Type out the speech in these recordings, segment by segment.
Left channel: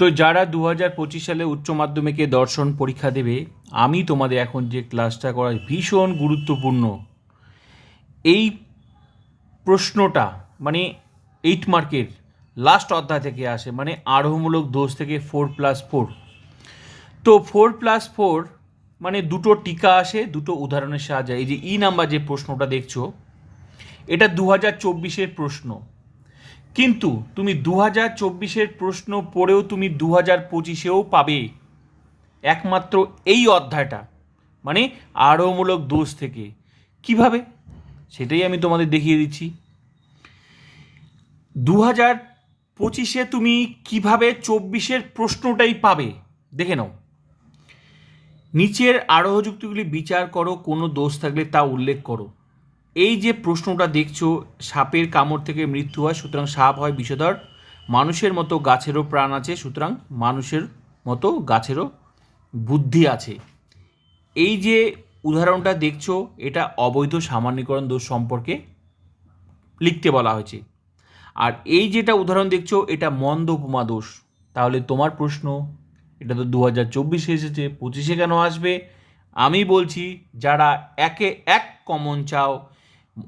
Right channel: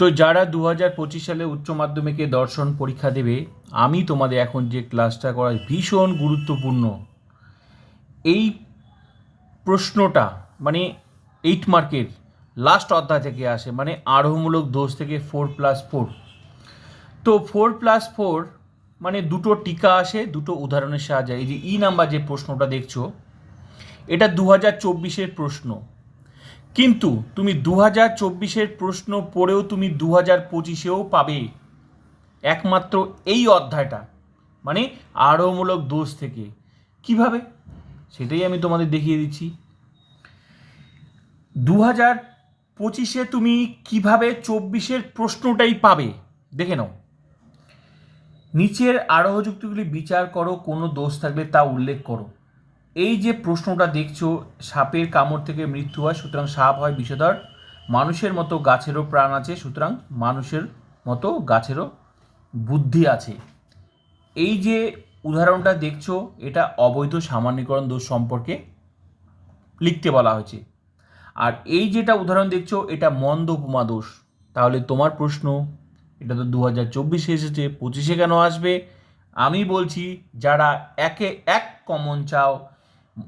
তো যারা দু হাজার পঁচিশ সালে উচ্চ মাধ্যমিকে দর্শন পরীক্ষা দেবে, আমি তোমাদের এখন যে ক্লাসটা করাই ভীষণ গুরুত্বপূর্ণ। এই প্রশ্নটা মানে এইট মার্কের লাস্ট অধ্যায় থেকে আসে মানে আরোহমূলক দোষ থেকে ফোর প্লাস ফোর তো ফোর প্লাস ফোর মানে দুটো টিকা আসে, দুটো উদাহরণের সাহায্যে। এই যে ই নাম্বার যে প্রশ্নটা দেখছ, এটা দু হাজার চব্বিশের প্রশ্ন। কিন্তু তুমি দু হাজার চব্বিশের প্রশ্ন পড়েও তুমি দু হাজার পঁচিশেও পাবে। একমাত্র এই অধ্যায়টা মানে আরোমূলক দোষ থেকে। কীভাবে? সেটাই আমি তোমাদের দেখিয়ে দিচ্ছি। দু হাজার পঁচিশে তুমি কীভাবে চব্বিশের প্রশ্নটাই পাবে? দেখে নাও। নিচের আরোহ যুক্তিগুলি বিচার করো, কোনো দোষ থাকলে তা উল্লেখ করো। এই যে প্রশ্নটা দেখছ, সাপের কামড় থেকে মৃত্যু হয়, সুতরাং সাপ হয় বিষধর। মানুষের মতো গাছেরও প্রাণ আছে, সুতরাং মানুষের মতো গাছেরও বুদ্ধি আছে। এই যে উদাহরণটা দেখছ, এটা অবৈধ সামান্যীকরণ দোষ সম্পর্কে লিখতে বলা হয়েছে। আর এই যেটা উদাহরণ দেখছ, এটা মন্দ উপমা দোষ। তাহলে তোমার প্রশ্ন, এটা তো দু হাজার চব্বিশে এসেছে, পঁচিশে কেন আসবে? আমি বলছি, যারা একে এক কমন চাও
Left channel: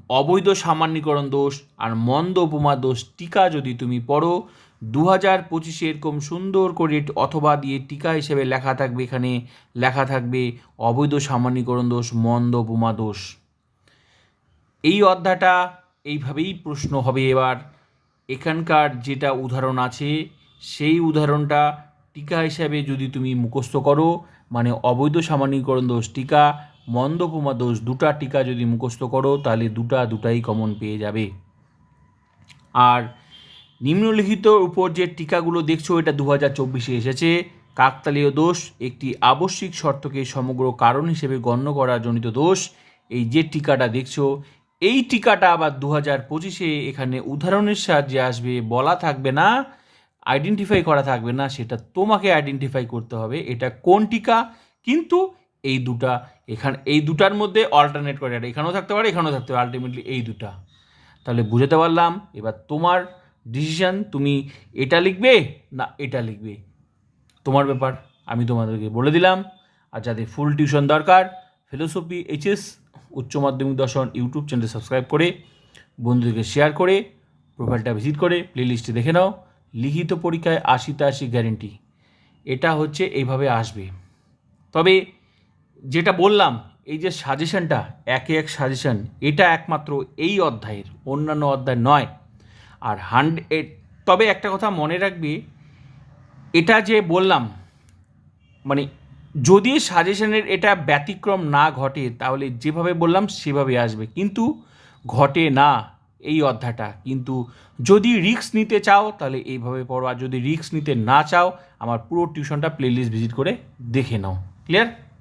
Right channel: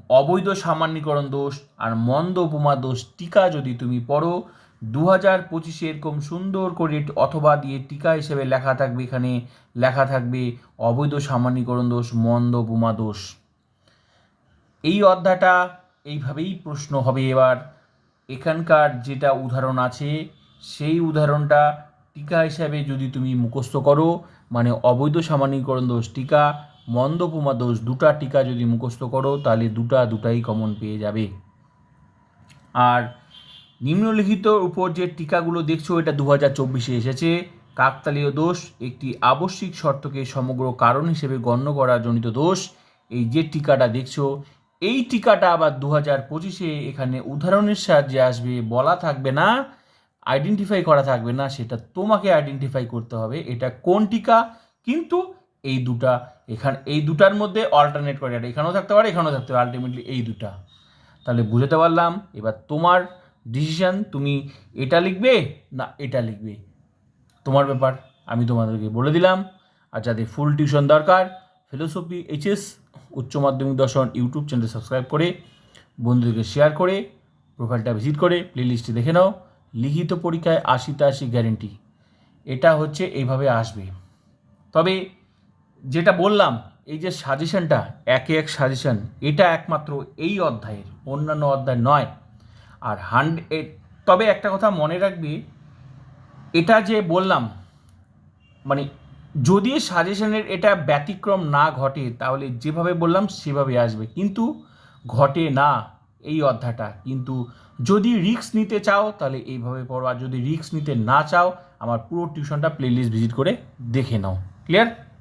অবৈধ সামান্যীকরণ দোষ আর মন্দ উপমা দোষ টিকা যদি তুমি পড়ো দু হাজার পঁচিশে এরকম সুন্দর করে অথবা দিয়ে টিকা হিসেবে লেখা থাকবে এখানে, লেখা থাকবে অবৈধ সামান্যীকরণ দোষ, মন্দ উপমা দোষ। এই অধ্যায়টা এইভাবেই প্রশ্ন হবে এবার। এখানকার যেটা উদাহরণ আছে, সেই উদাহরণটা টিকা হিসাবে যদি তুমি মুখস্থ করো মানে অবৈধ সামান্যীকরণ দোষ টিকা মন্দ উপমা দোষ দুটা টিকা যদি মুখস্থ করো, তাহলে দুটা দুটাই কমন পেয়ে যাবে। আর নিম্নলিখিত উপর যে টিকাগুলো দেখছ, এটা দু হাজার চব্বিশে এসেছে। কাকতালীয় দোষ, একটি আবশ্যিক শর্তকে সমগ্র কারণ হিসেবে গণ্য করা জনিত দোষ। এই যে টিকাটা দেখছ, এই টিকাটা আবার দু হাজার পঁচিশে এখানে উদাহরণের সাহায্যে আসবে, বলা থাকবে না আইডেন্টিফাই করা থাকবে না, সেটা তোমাকে আইডেন্টিফাই করতে হবে, এটা কোন টিকা, কিন্তু এই দুটা, এখানে, এই দুটার মধ্যে অল্টারনেট করে এটা এখানেও থাকতে পারে, এখানেও থাকতে পারে। আলটিমেটলি এই দুটা। তাহলে বুঝাতে পারলাম, এবার তোমার ডিসিশন তুমি এটা লিখবে না এটা লিখবে। তোমার ব্যাপার, আমি তোমাদেরকে বলে দিলাম। আর যাদের ফুল টিউশন দরকার ফিলোসফি এইচএস উচ্চ মাধ্যমিক দর্শন ইউটিউব চ্যানেল সাবস্ক্রাইব করে, বন্ধুদেরকে শেয়ার করে প্রোফাইলটা ভিজিট করে প্লেলিস্টে দেখে নাও। লিখিত পরীক্ষায় আশিতে আশি গ্যারেন্টি এটা হচ্ছে, এইভাবে আসবে। তবে যেটা বললাম, এই যে সাজেশনটা একে এক সাজেশন এটা একমাত্র এই অধ্যায়ের, অন্যান্য অধ্যায় নয়। আর হান্ড্রেড তবে একটা কথা মনে রাখবে, এটা যে বললাম মানে যদি সাজেশনের এটা ব্যতিক্রম না ঘটে, তাহলে যেভাবে বললাম সেভাবে আসবে। কিন্তু ঘটে না এই অধ্যায়টা। কিন্তু যদি রিক্স নিতে চাও, তাহলে এইভাবে পড়ো। আর যদি রিক্স নিতে না চাও, আমার পুরো টিউশনটা প্লেলিস্ট ভিজিট করে দেখে নাও। ক্লিয়ার